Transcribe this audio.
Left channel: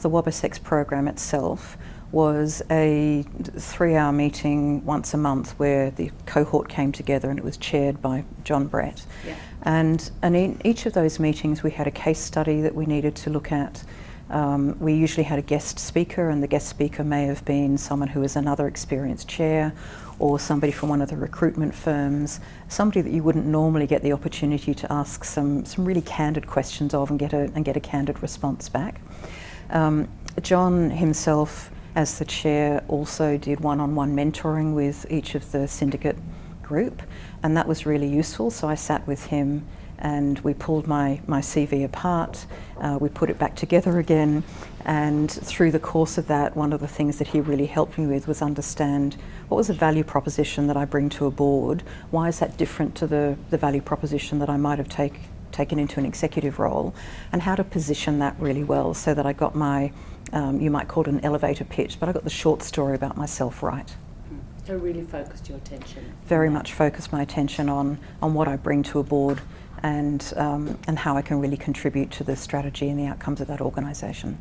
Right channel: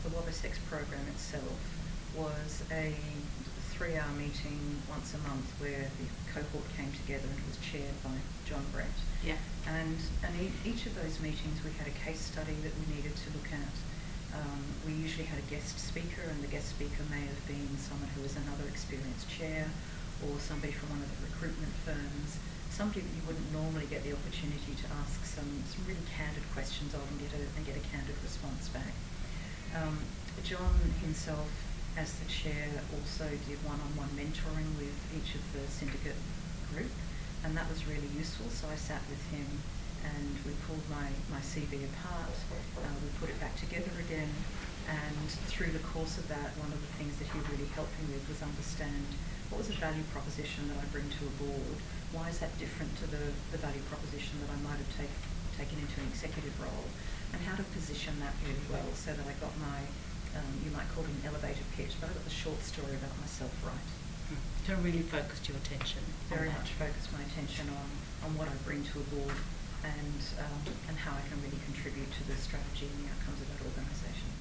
The WOBSX program itself was a 3-hour meeting once a month where the cohort came together, and it was chaired by John Brett. Yeah. And in each of those meetings we had a case study that we needed to look at. We usually had a guest speaker, and the guest speaker may have been someone who was another experienced chair, or somebody from one of the recruitment firms, somebody that you wouldn't normally get the opportunity to ask some really candid questions of and get a candid response back. John himself, as the chair, also did one-on-one mentoring with each of the syndicate group, and that was really useful. So I sat with him and we pulled my CV apart, we put it back together again, and through the course of that, one of the things that he really helped me with was understand what was the value proposition that I bring to a board, why is that different to the value proposition that I might have taken into an executive role, and how to position that really well so that I got my, you might call it an elevator pitch, but I got the short story about myself right. So really focused your attention. Very much focused my attention on what I bring to a board and how I can really contribute to the strategy and the outcomes of that organisation.